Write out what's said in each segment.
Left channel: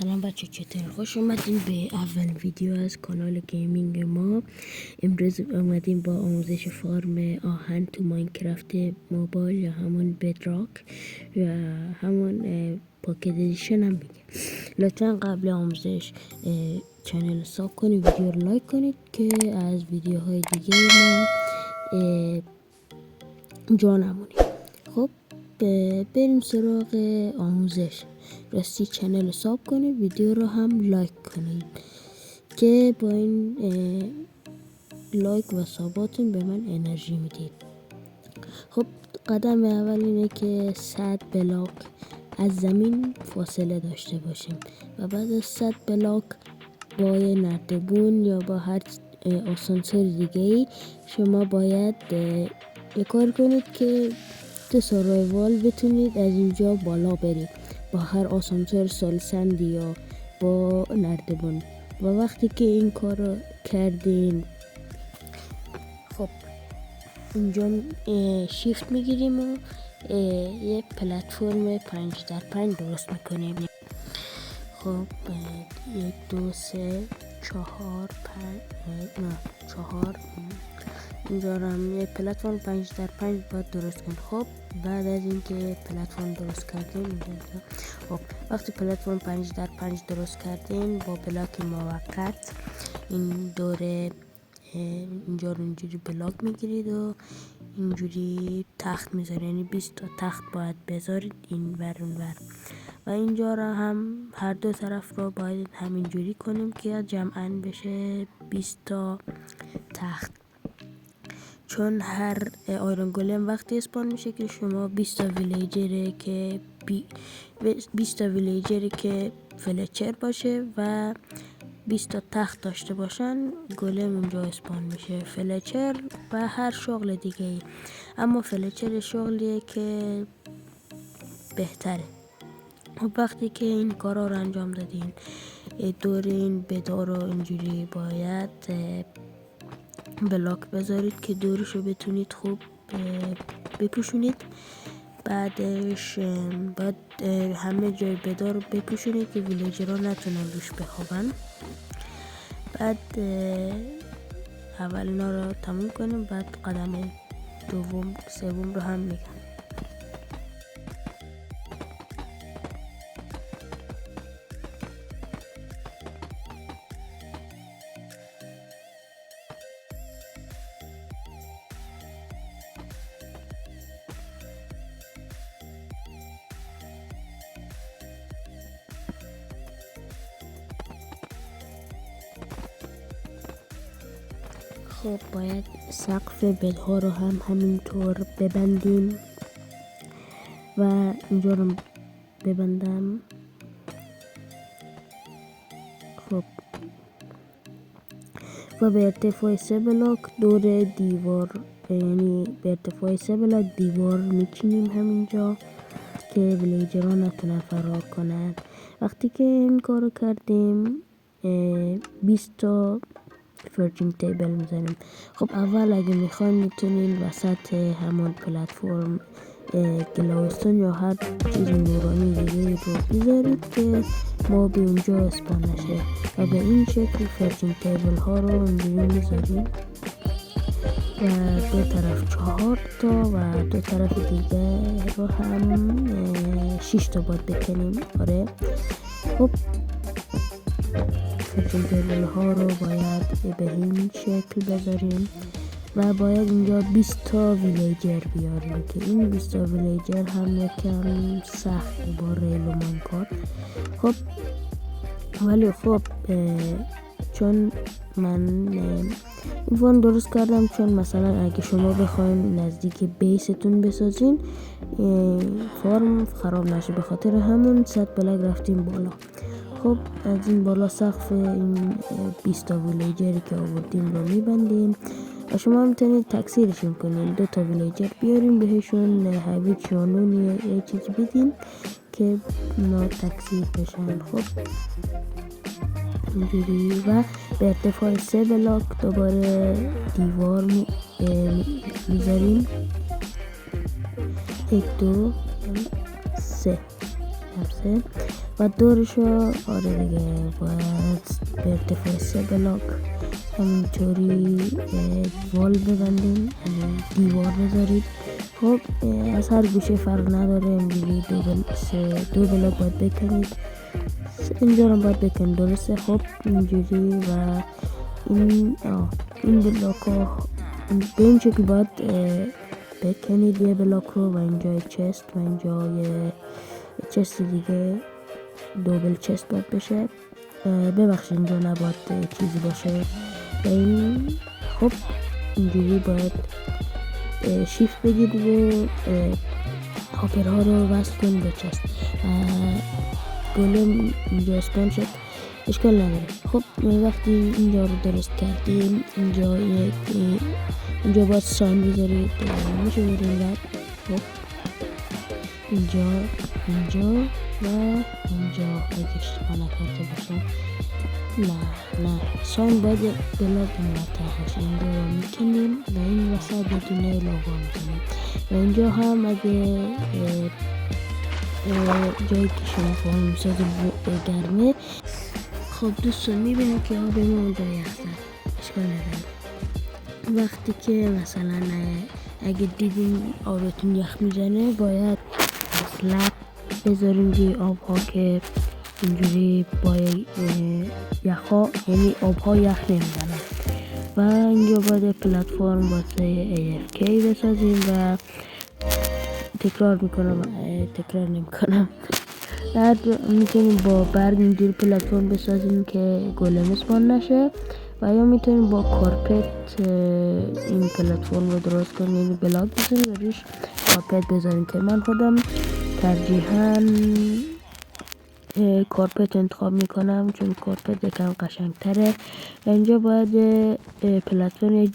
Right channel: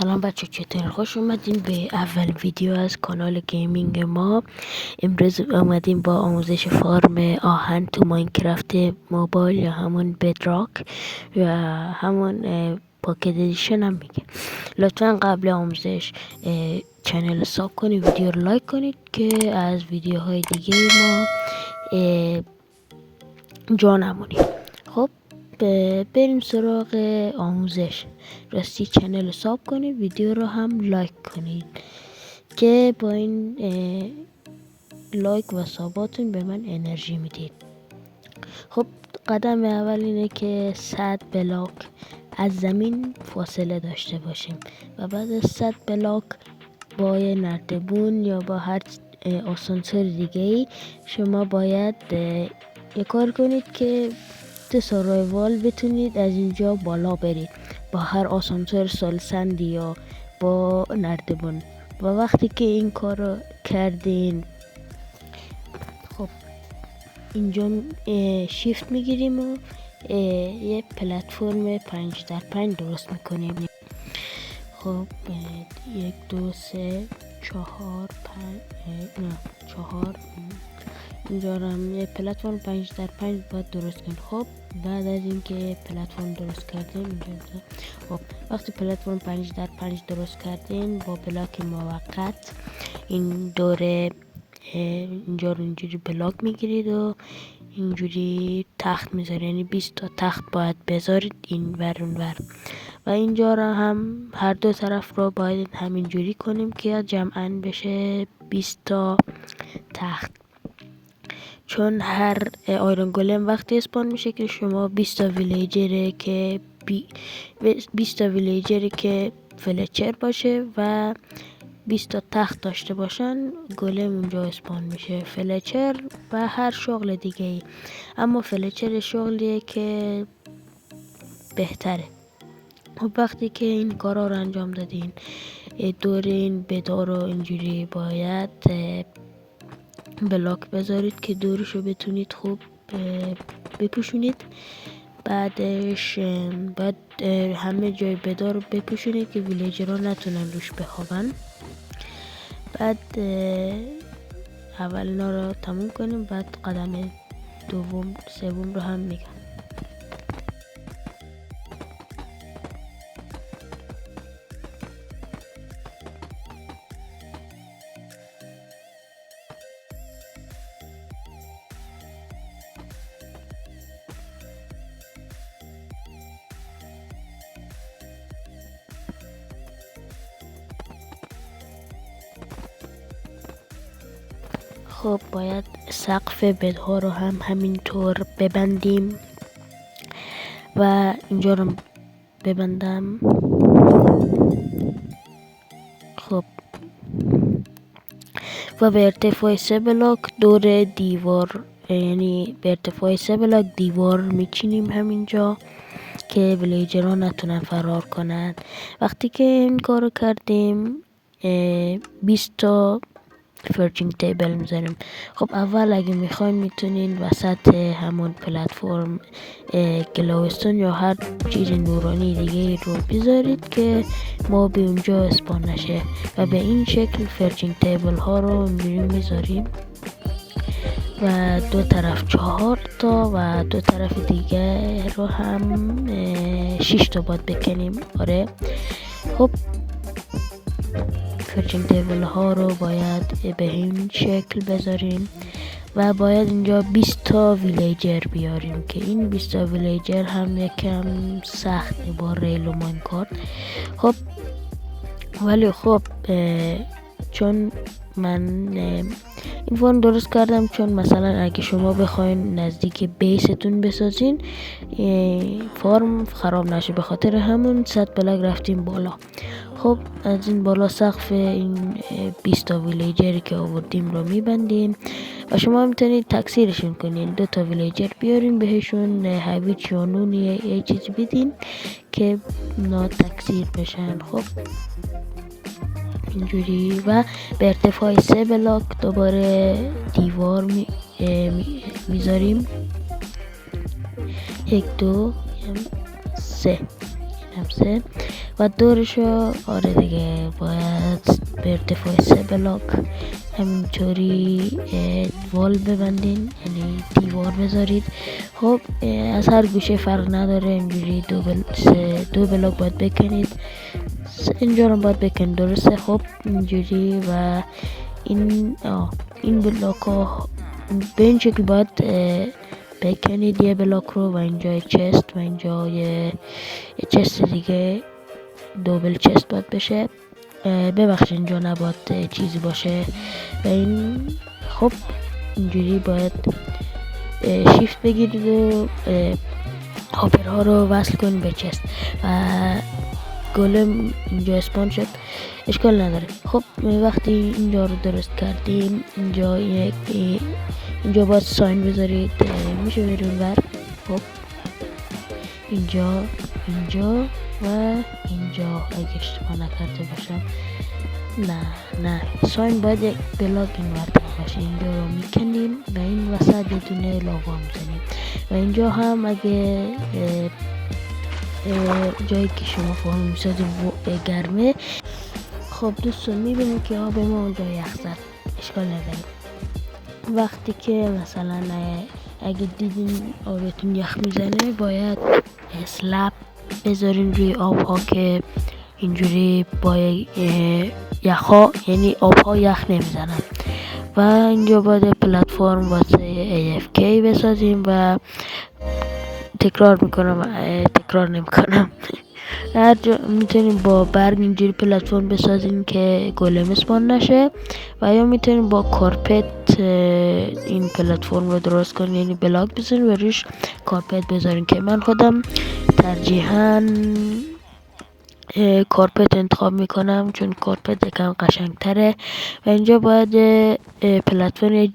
سلام بچه، چطور؟ خوش اومدین به اول ویدیو از کانال گیمینگ ما. امروز اومدیم با آموزش فارم آهن تو ماینکرافت موبایل یا همون بدراک و همون پاکت ادیشن هم میگه. لطفا قبل آموزش چنل ساب کنید، ویدیو رو لایک کنید که از ویدیوهای دیگه ما جا نمونید. خب بریم سراغ آموزش. راستی چنل رو ساب کنید، ویدیو رو هم لایک کنید که با این لایک و ساباتون به من انرژی میدید. خب قدم اول اینه که 100 بلاک از زمین فاصله داشته باشیم و بعد از 100 بلاک با یه نردبون یا با هر آسانسور دیگه ای شما باید یه کار کنید که تو سروایوال بتونید از اینجا بالا برید با هر آسانسور سالسندی یا با نردبون. و وقتی که این کار رو کردین، خب اینجا شیفت میگیریم و یه پلتفرم 5x5 درست میکنیم. خب 1 2 3 4 4 اینجا هم یه پلتفرم 5x5 باید درست کنیم. خب بعد از اینکه پلتفرم درست کردیم خب وقتی پلتفرم 5x5 درست کردیم با بلاک موقت این دوره اینجا رو اینجوری بلاک میگیرید و اینجوری تخت میذارید، یعنی 20 تا تخت باید بذارید این ور اون ور. و اینجا رو هم هر دو طرف رو باید همینجوری کنیم که جمعاً بشه 20 تا تخت. چون هر آیرون گولم وقتی اسپان میشه که شما 20 تا ویلیجر که فلچر باشه و 20 تا تخت داشته باشن، گولم اونجا اسپان میشه. فلچر و هر شغل دیگه ای، اما فلچر شغلیه که بهتره. خب وقتی که این کارا رو انجام دادین، دور این بدار رو اینجوری باید بلاک بذارید که دورشو بتونید خوب بپوشونید. بعدش بعد همه جای بدار رو بپوشونید که ویلیجرها نتونن روش بخوابن. بعد اول اینا رو تموم کنیم، بعد قدم دوم سوم رو هم میگم. خب باید سقف بدها رو هم همینطور ببندیم و اینجا رو ببندم. خب و به ارتفاع 3 بلاک دور دیوار، یعنی به ارتفاع 3 بلاک دیوار میچینیم همینجا که ویلیجرها نتونن فرار کنن. وقتی که این کارو کردیم 20 تا فرچینگ تیبل میذاریم. خب اول اگه میخواین میتونین وسط همون پلتفرم گلوستون یا هر چیز نورانی دیگه رو بذارید که موبی اونجا اسپان نشه و به این شکل فرچینگ تیبل ها رو اینجوری میذاریم و دو طرف 4 تا و دو طرف دیگه رو هم 6 تا باید بکنیم. آره خب فرچینگ تیبل ها رو باید به این شکل بذاریم و باید اینجا 20 تا ویلیجر بیاریم که این 20 تا ویلیجر هم یکم سخت با ریل و مانکارت. خب ولی خب چون من این فارم درست کردم چون مثلا اگه شما بخواین نزدیک بیستون بسازین فارم خراب نشه، به خاطر همون 100 بلاک رفتیم بالا. خب از این بالا سقف این 20 تا ویلیجری که آوردیم رو میبندیم و شما میتونید تکثیرشون کنین. 2 تا ویلیجر بیارین، بهشون هویج یا نون یه چیز بدین که اونا تکثیر بشن. خب اینجوری و به ارتفاع 3 بلاک دوباره دیوار میذاریم. 1 2 3 و دورشو آره دیگه باید به ارتفاع 3 بلاک همینطوری وال ببندین، یعنی دیوار بذارید. خب از هر گوشه فرق نداره، اینجوری دو بلاک باید بکنید، اینجا رو باید بکنید درسته. خب اینجوری و این بلاک ها به این شکل باید بکنید یه بلاک رو، و اینجا چست و اینجا یه چست دیگه دوبل چست باید بشه. ببخشید اینجا نباید چیزی باشه و این خب اینجوری باید شیفت بگیرید و هاپرها رو وصل کنید به چست و گلم اینجا اسپان شد، اشکال نداره. خب وقتی اینجا رو درست کردیم اینجا باید ساین بذارید، میشه بیرون بر. خب اینجا و اینجا اگه اشتباه نکرده باشم، نه ساین باید بلاک این ورطه باشه، این رو میکنیم و این وسط بدونه لاوا میزنیم و اینجا هم اگه جایی که شما فهم میساز گرمه، خب دوستان میبینید که آب ما اونجا یخته، اشکال نداره. وقتی که مثلا اگه دیدین آبتون یخ میزنه باید اسلپ بذارین روی آب ها که اینجوری با یخها، یعنی آب ها یخ نمیزنن. و اینجا باید پلتفرم واسه AFK بسازیم و تکرار نمیکنم هر جا میتونیم با برگ اینجوری پلتفرم بسازیم که گلم اسپان نشه، و یا میتونیم با کارپت این پلتفرم رو درست کنیم، یعنی بلاک بزنیم و روش کارپت بذاریم که من خودم ترجیحاً کارپت انتخاب میکنم چون کارپت یکم قشنگ تره. و اینجا باید پلتفرم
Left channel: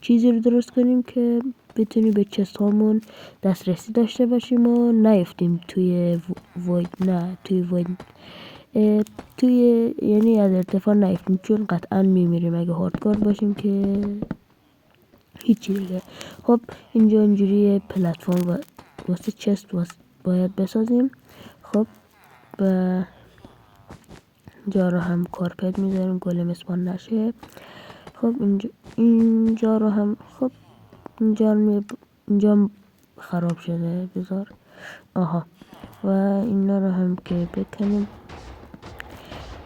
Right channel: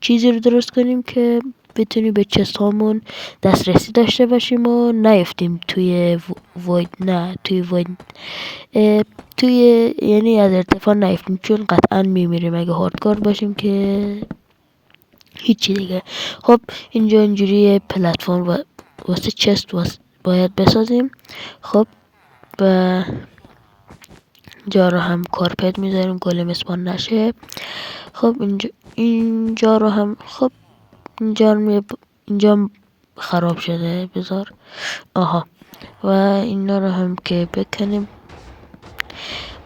چیزی رو درست کنیم که بتونیم به چست هامون دسترسی داشته باشیم و نیفتیم توی یعنی از ارتفاع نیفتیم، چون قطعا میمیریم اگه هاردکور باشیم که هیچی دیگه. خب اینجا اینجوری پلتفرم واسه چست باید بسازیم. خب و اینجا رو هم کارپت میذاریم گلم اسپان نشه. خب اینجا رو هم خب اینجا خراب شده، بذار و اینا رو هم که بکنیم.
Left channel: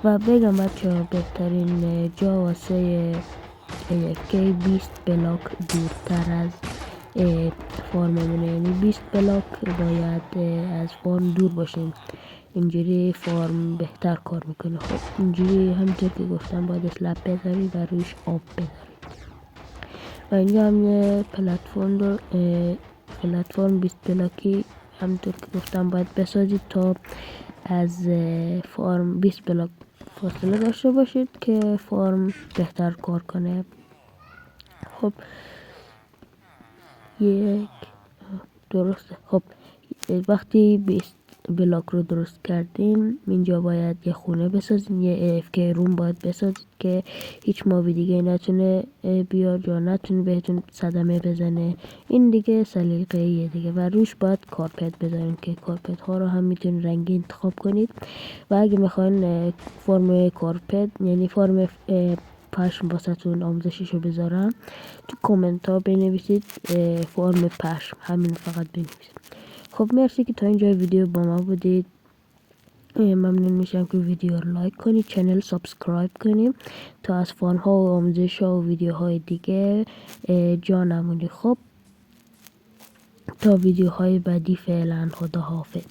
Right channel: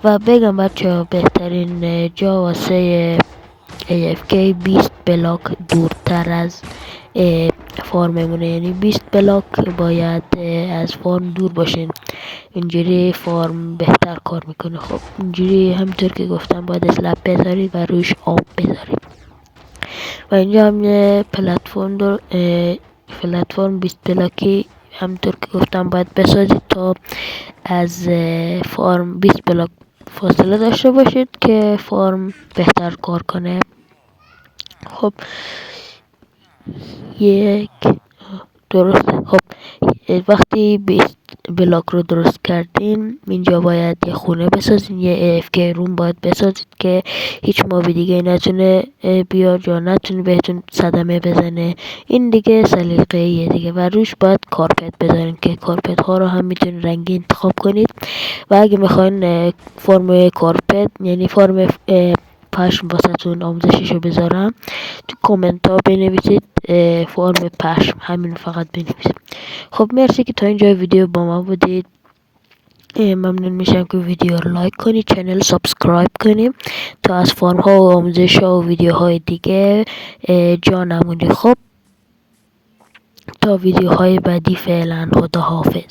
و بگم بچه بهترین جا واسه AFK 20 بلاک دورتر از فارممونه، یعنی 20 بلاک باید از فارم دور باشین، اینجوری فارم بهتر کار میکنه. خب اینجوری همینطور که گفتم باید اسلپ بذارید و روش آب بذارید. و اینجا هم پلتفرم 20 بلاکی همینطور که گفتم باید بسازید تا از فارم 20 بلاک فاصله داشته باشید که فارم بهتر کار کنه. خب درسته. خب وقتی 20 بلاک رو درست کردین، اینجا باید یه خونه بسازین، یه AFK روم باید بسازید که هیچ موبی دیگه نتونه بیاد یا نتونه بهتون صدمه بزنه. این دیگه سلیقه‌ایه دیگه. و روش باید کارپت بذارین که کارپت ها رو هم میتونین رنگی انتخاب کنید. و اگه میخواین فرم کارپت، یعنی فرم پشم واسهتون آموزششو بذارم، تو کامنت ها بنویسید فرم پشم، همین فقط بنویسید. خب مرسی که تا اینجا ویدیو با ما بودید، ممنون میشم که ویدیو رو لایک کنید، چنل سابسکرایب کنید تا از فرم ها و آموزش ها و ویدیوهای دیگه جا نمونید. خب تا ویدیوهای بعدی فعلا خدا حافظ.